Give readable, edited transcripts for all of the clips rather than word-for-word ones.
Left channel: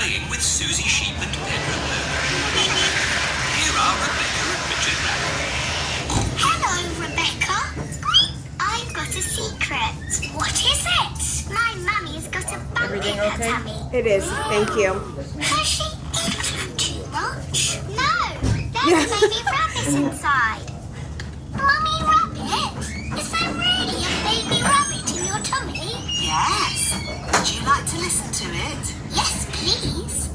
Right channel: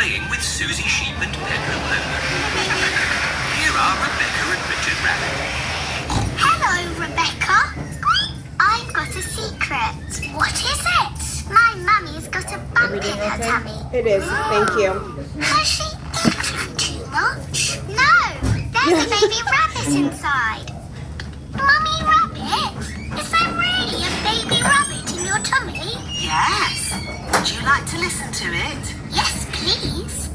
playing with Susie Sheep and Pedro Pony. Here are Rebecca and Richard Rabbit. Hello, Rebecca. I've got a secret. What is it? My mummy's got a bump in her tummy. It is. Thank you. Has she eaten too much? No, there's a baby rabbit inside. Mummy Rabbit, is there really a baby rabbit in your tummy? Yes. Would you like to listen to it? Yes, please.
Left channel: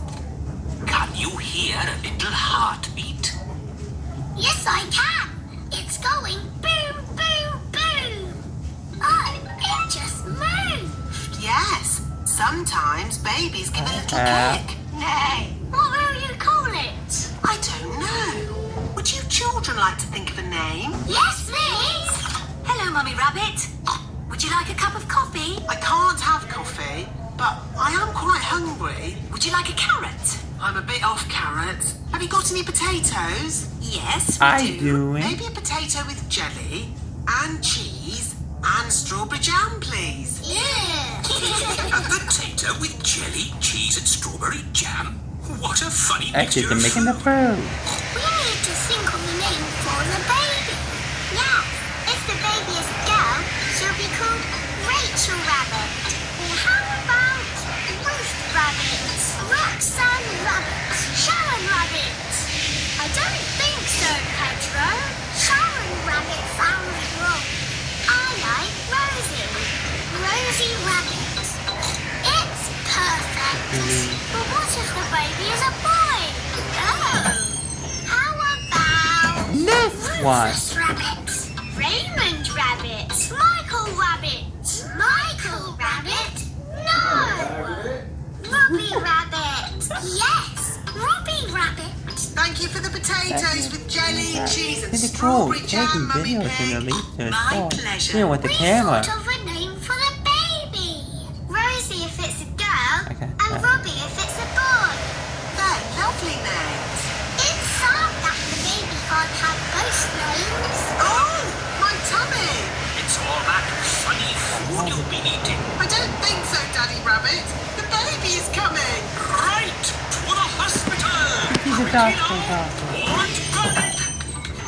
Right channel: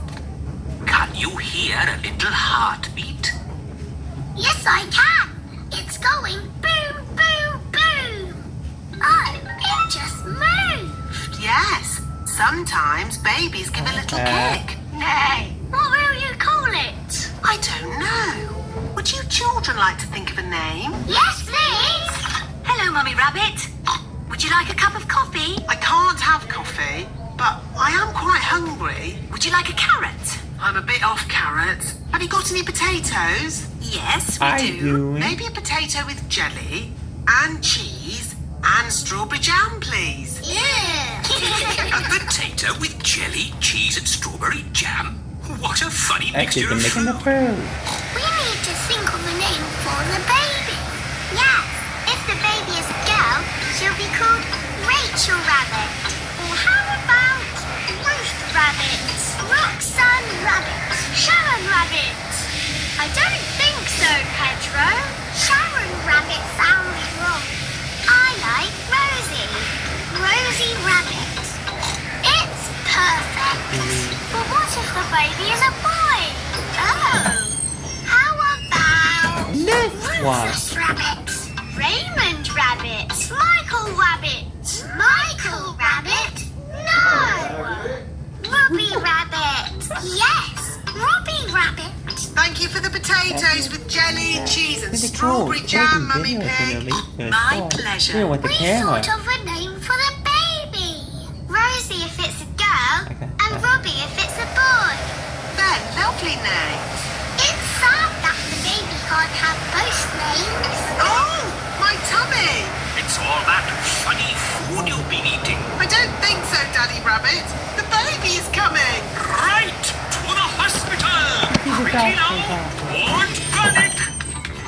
Can you hear a little heartbeat? Yes, I can. It's going boom, boom, boom. Oh, it just moved. Yes. Sometimes babies give a little kick. Nay, what will you call it? I don't know. Would you children like to think of a name? Yes, please. Hello, Mummy Rabbit. Would you like a cup of coffee? I can't have coffee, but I am quite hungry. Would you like a carrot? I'm a bit off carrots. Have you got any potatoes? Yes, we I do. Maybe a potato with jelly and cheese and strawberry jam, please. Yeah. A potato with jelly, cheese and strawberry jam? What a funny Actually, mixture they're of making the fruit. food. We need to think of a name for the baby. Yes, if the baby is a girl, she'll be called Rachel Rabbit. Or how about Ruth Rabbit, Roxanne Rabbit, Sharon Rabbit? I don't think so, Pedro. Sharon Rabbit sounds wrong. I like Rosie. Rosie Rabbit. It's perfect. But what if the baby is a boy? Oh. How about This one. Rufus Rabbit, Raymond Rabbit, Michael Rabbit, Michael Rabbit? No! Robbie Rabbit. Yes, Robbie Rabbit. Thank you for the potatoes with jelly, cheese and Pretty strawberry cool. jam, Taking Mummy videos in the Pig. lead My pleasure. Here with the We camera. thought of a name for the baby. Rosie if it's a girl, Okay. and Robbie if it's a boy. They're lovely names. It's sad that the baby can't have both names. Oh, my tummy. It's all that funny food you've been eating. I don't think so, Daddy Rabbit. The baby is coming. Right, to the hospital. He's a Quickly doctor, now. doctor. Don't panic.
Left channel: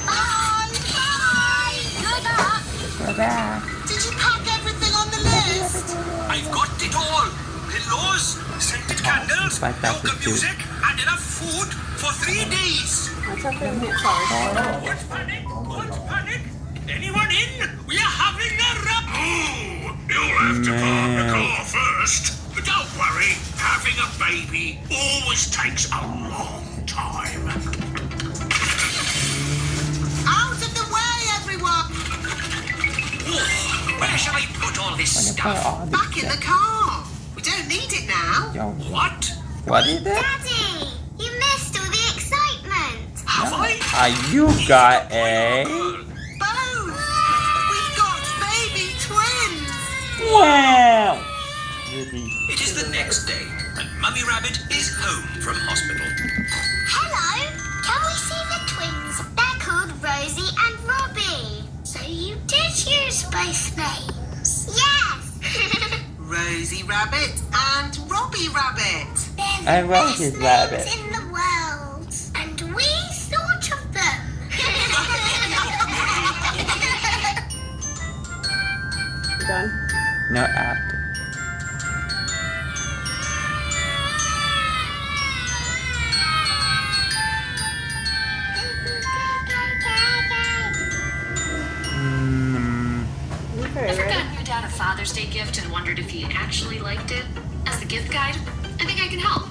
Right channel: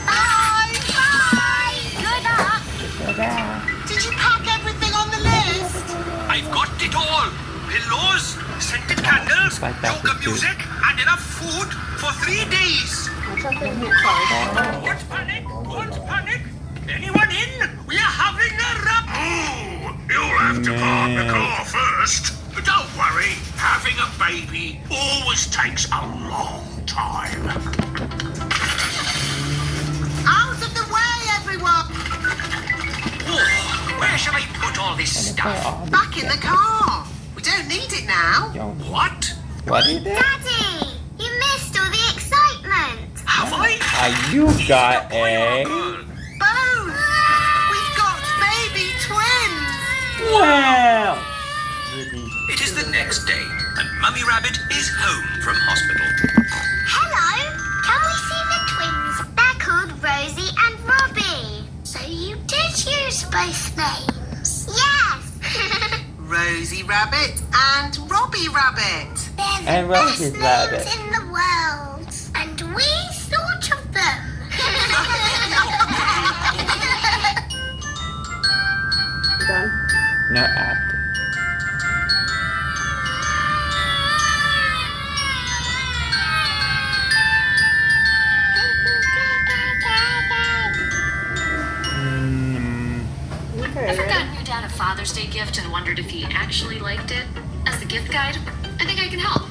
Bye. Bye. Good luck. So bad. Did you pack everything on the list? I've got it all. Pillows, scented candles, Like that yoga would do. music, and enough food for 3 days. Don't panic, don't panic. Anyone in? We are having a Oh, you'll have to park the car first. Don't worry, having a baby always takes a long time. Out of the way, everyone. Oh, where shall I put all this stuff? Back in the car. We don't need it now. What? What is it? Daddy, you missed all the excitement. Have I? You got Boy or a... girl? Boom! We've got baby twins. Wow! It is the next day, and Mummy Rabbit is home from hospital. Hello, can we see the twins? They're called Rosie and Robbie. So you did use both names? Yes. Rosie Rabbit and Robbie Rabbit. They're the And best Rosie's names rabbit. in the world. And we thought of them. Done. No app. Okay. Ever gotten your dad a Father's Day gift and wondered if he actually liked it? As the gift guide, I think I can help.